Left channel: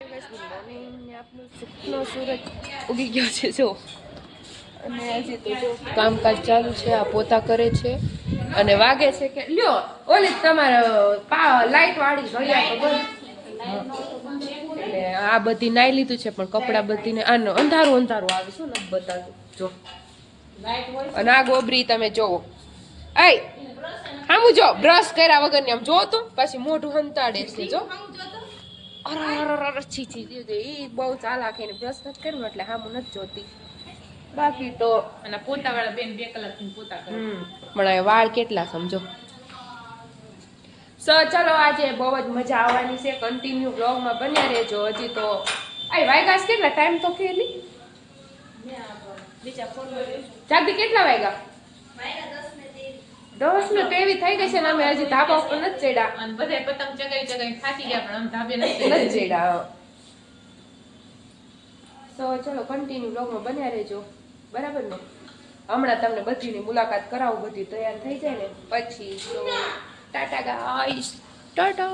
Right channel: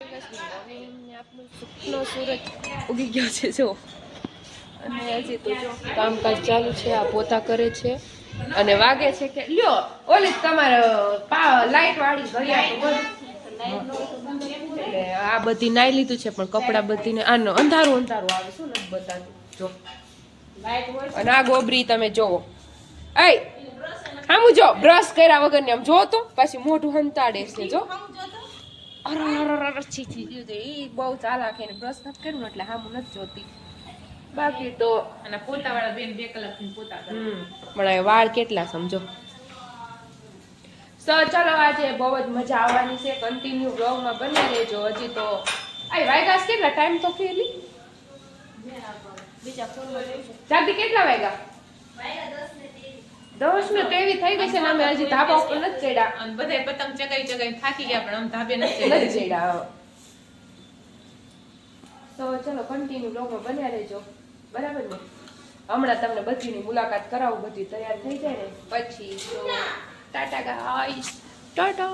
Good morning આપનું સુખનો સૂરજ ઉગી ગયો છે જો અને હજી તો જો કામકાજ ચાલુ છે આ પોતા કરે છે અને વાગે છે કે લ્યો ઓલી તમારે લાઈટ વાળી ઘડિયાળ તો બંધ એટલે આ બધી નાઈ લીધું છે પણ કપડાં બધીને આનો અંધારું અંધારું આવે શું નથી બતાતું જો અને આ ગોબરી તમે જોવો એ આમ જો બ્રશ કર્યા વગરની આમ જો તો પછી મોઢું હંતાડે છે જો છી બહુ ચાલાક એને બ્રશ નથી કર્યું એટલે હામું નથી જોતી બાકી તો અને પોતાવાળા બેન 2 કલાકથી પોતા કરે પણ વાળ કેટલા સમજો સો ચલો આજે બહુ જ મજા આવવાની છે કન્ટિન્યુ બ્લોગમાં બન્યા રહેજો હજી તો વાયગા કેટલા ટાઈમ તો કેલી બીજા ફોન ચાંદી કેટલા વાગ્યા 10 ને 23 થઈ ગઈ છે ને અમે હજી ધાબા ઉપર નથી ચડ્યા અને બધાય પતંગ ચગાઈ થાકી ગયા પણ અમે ધાબે નથી ચડ્યા તો ચલો કન્ટિન્યુ બ્લોગમાં બન્યા રહેજો બરાબર ને હમણાં તમને બધીની મુલાકાત કરાવું બધી તૈયાર થઈ જાય ને પછી તો ટાટા ગાઈસ ટાટા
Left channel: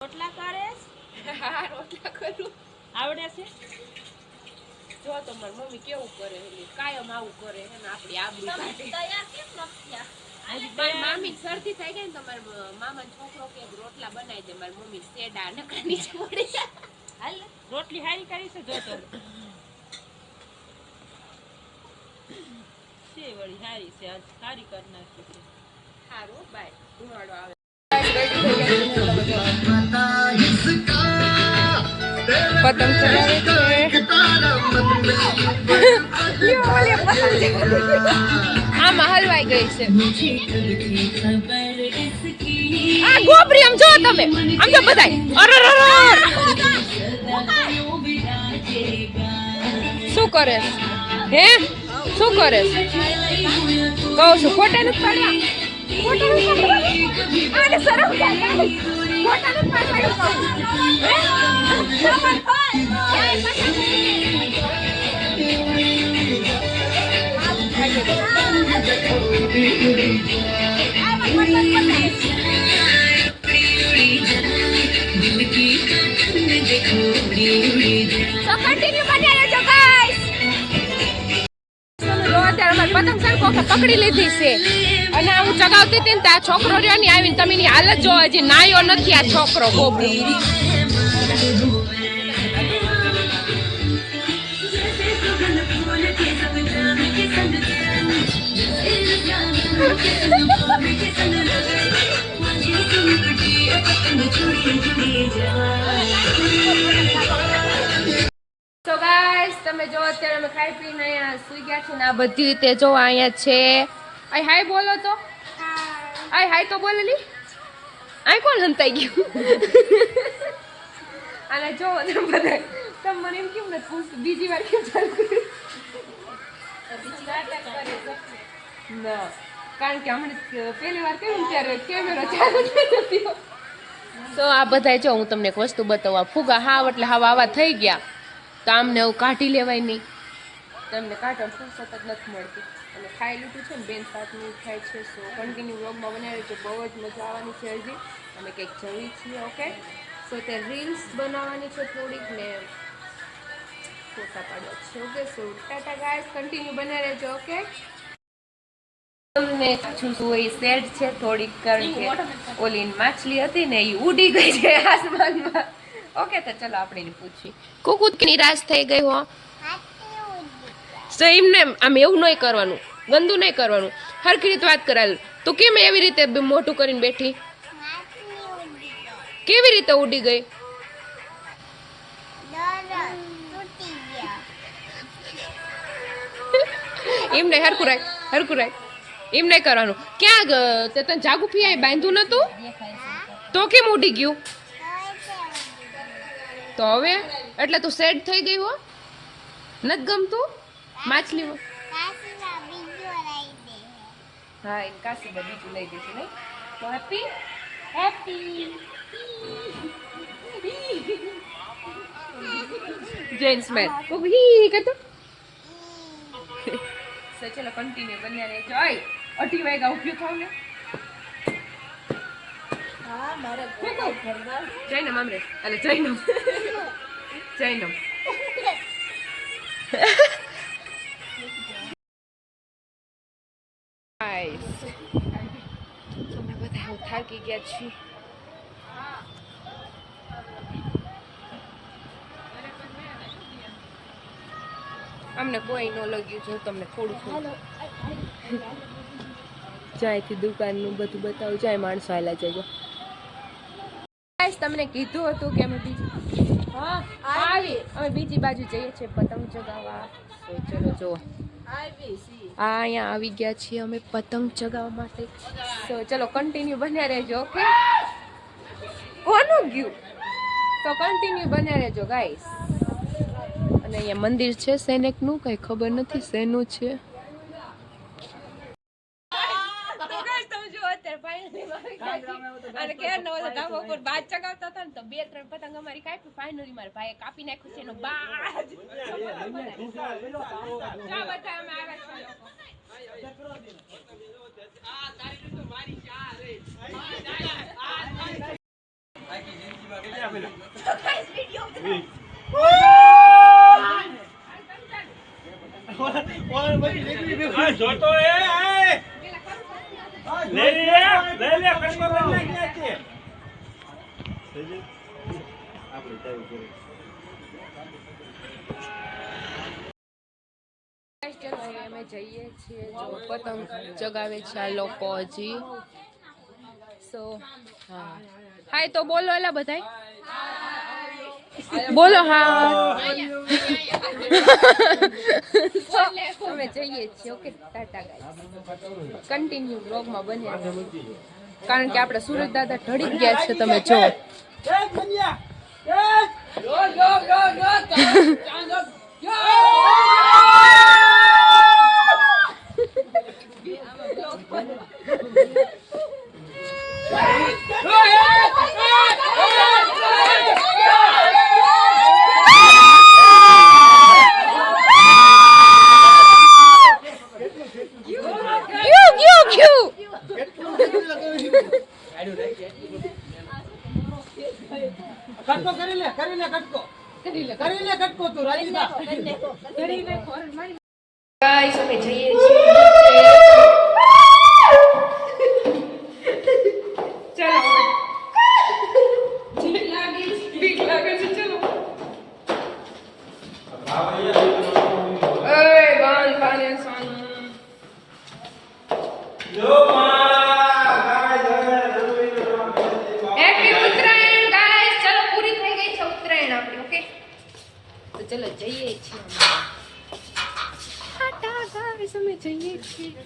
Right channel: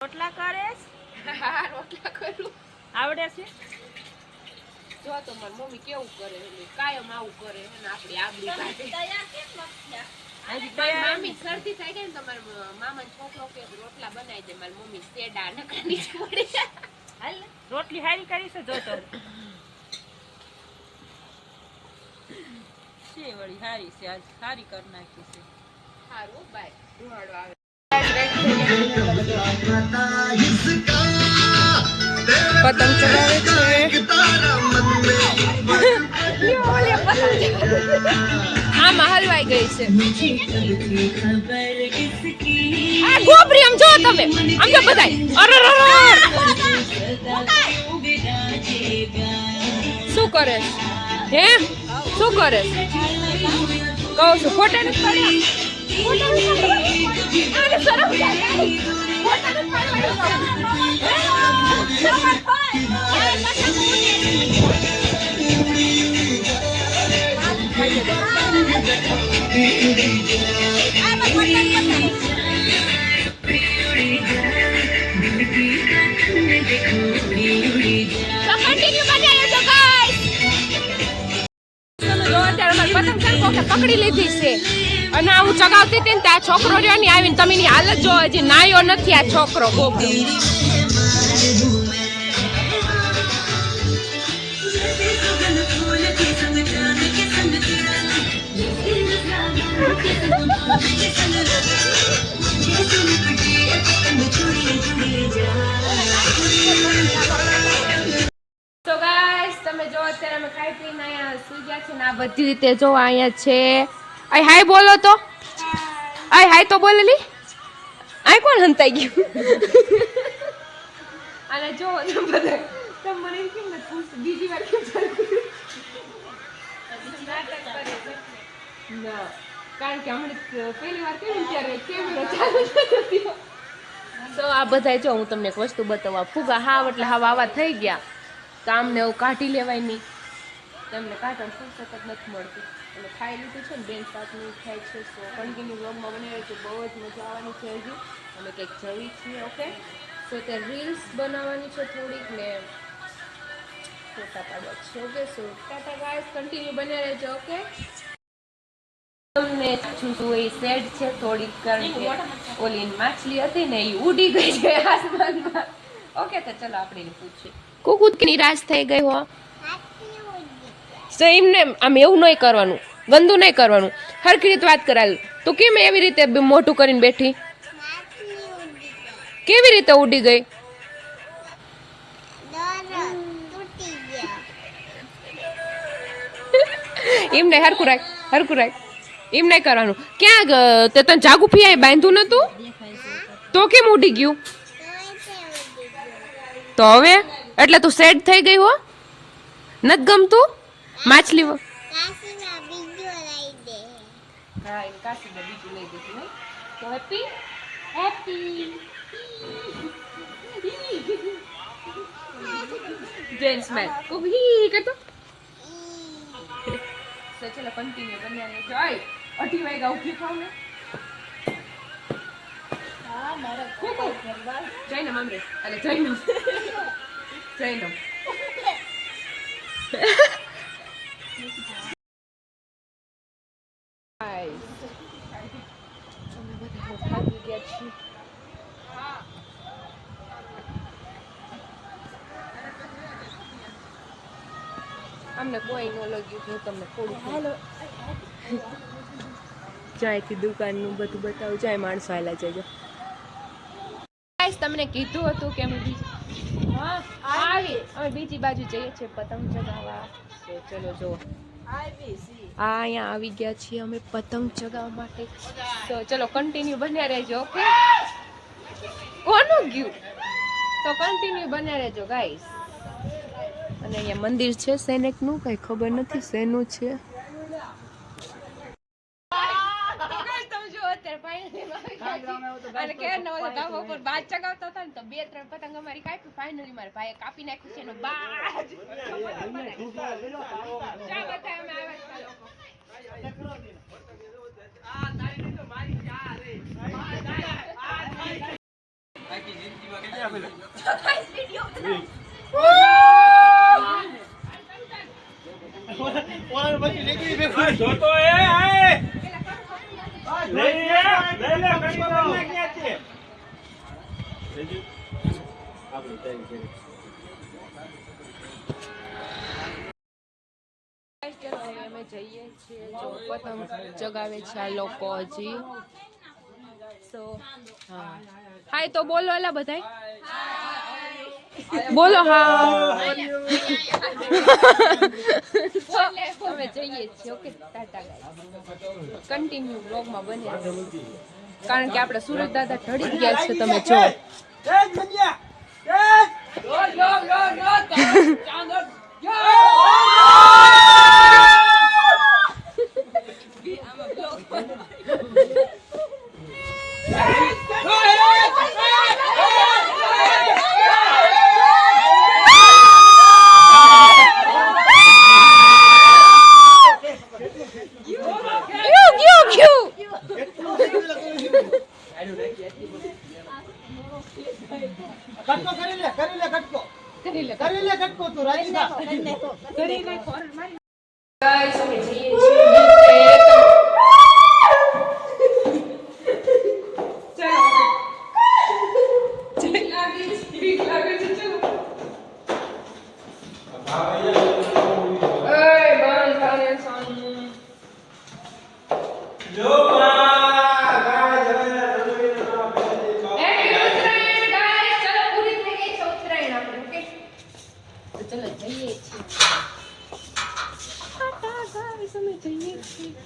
રોટલા કરેસ હા રોટલા કરું આવડે છે જો તો મારી મમ્મી કેવું કરે એટલે કાયમ આવું કરે અને આપણી આબરૂ કાઢે તૈયાર કેમ નથી મારી મામી શરદી થઈ ગઈ ને તમારા મામા છોકરો કે રોટલા બનાવી દે મારી મમ્મી સેડા નકાની છોડી હાલ રોટલી હારી કરી છે જો તો છે વળી હારી છે આજ સારી કર નાખી છે સારું બાય ધુમાડો આવે પતંગ ચગાવે છે આમાં હલવાઈ ગઈ છે આ ગોબરી આમ જો તમે આમ જો બધાય શું કરે હે શું કરે કહું છું ફોટા નથી પાડ્યા આને શરમ જાય ફોટા નથી પાડવા પતંગ સરખો કે પકડી લીધી છે અને હું ચગાવતી હતી ને આ છોકરો રહ્યો ને આવીને તમે એની હાલત જો હજી નાયો નથી આ છોકરો ગોબરી તો ગાઈસ તમે જો અત્યારે અમે ખાઈ પીને અહીંયા સુઈ ગયા છે ને આ બધી રીતે જો અહીંયા છે આય હાય બોલો તો આય હાય તો બોલેલી આય કોણ હંતાઈ ગયું અને જો તમે બધા તમે મને એમ કેમ નથી પૂછતું બીજી વાર કેમ ના કારણ કે હમણાં પહેલી વાર કેમ ત્યારે કેમેરો ચાલુ થયો તો આ બધા જો હું તમને એક વસ્તુ બતાવવા ફુગા હાવ એટલે હાવ આવા થઈ ગયા તો આમને એવું કાઢી લેવાય નહીં તમને કાઢવાનું ફુરસત જ નથી મળતી અને ખાઈ લીધું છે ને બેન સાથની ખાય છે સો કન્ટિન્યુ વ્લોગમાં બનાવે છે બહુ જ મજા આવવાની છે હજી અમે કંઈક જવી છીએ ઓકે સો તે રીલ્સ બનાવવાની છે થોડીક ને ફોટા પાડવા છે okay so Tata guys continue બને રહેજો ઓકે તમને શું એ સેડ છે થોડીક કારણ કે ઓલી માછલી હતી ને એ ઉડી ગઈ છે આસમાનમાં ઓકે તો ચલો આપણે પૂછીએ કુકુની રાસ થઈ ગઈ હો તો એમને આમ એવું નહીં કરવાનું ગંદુ નહીં કરવાનું હરખી રીતે વાત કરાવી તો કેમ એવી રીતે મોટું કરીને બેઠી કેવી રીતે ઉડી ગઈ એમને હરખું રાખ એમ નહીં કરવાનું ક્યાં તે તને જાગુ પીઆઈ બાંધ્યું નતું તો કેમ ઉડી ગયું તો હવે એટલે તું સેડ થઈ ગઈ હો નથી ગમતું માછલી હા એને કાશીમાં બીજું લઈ દઈશું નહીં તો હેપી જૈન સ્મેલ ખૂબ હી કરતો સો ચલો કન્ટિન્યુ બન્યા રહેજો 8 વાગ્યા ઉભી થાવ ને જૈનમ અમરે અલે જૈનમ જૈનમ અમે બધા થાકી ગયા છીએ. અમને કોઈ ન લાગ્યું જો તમને થોડું ચાયથી દુકાનનું બધું બતાવું જાય માણસો આવેલા જજો. તમને કીધું હતું કે અમે બીજી બાજુ જઈએ છીએ પતંગ ચગાવવા. તો ચલો જો અહીંયા આવી ગયા છીએ અમે પતંગ ચગાવવા માટે. તો ચલો કન્ટિન્યુ બન્યા રહેજો. ઓકે કોનું ગયું તો કન્ટિન્યુ બન્યા રહેજો ગાઈસ. અને અહીંયા મંદિર છે સૈનિકનું, કઈ ખબર નથી શેનું છે. અને કે નવો ધાબા ઉપર બાજ ચગાવતા હતા ને તો 2-3 પતંગ અમારી કાપી. ફાઇનલી મારા ભાઈએ કાપી નાખ્યું છે એનો બાજ. અમે જઈએ છીએ જો પતંગ ચગાવે છે આ લોકો હજી. સો હા હાય તો બોલો એલા બધાય બોલો. હા અમે જઈએ છીએ. Okay tata guys. કન્ટિન્યુ બ્લોગમાં બન્યા કારણ કે આપણે સુરત દાદા ઢળી ગયા છે. તમે જો ગાઈસ અમે જઈએ છીએ બીક લાગે છે. ચલો એ બાંધ પાને સાન જો ચલો જઈએ છીએ. ટાટા ગાઈસ અમે જઈએ છીએ.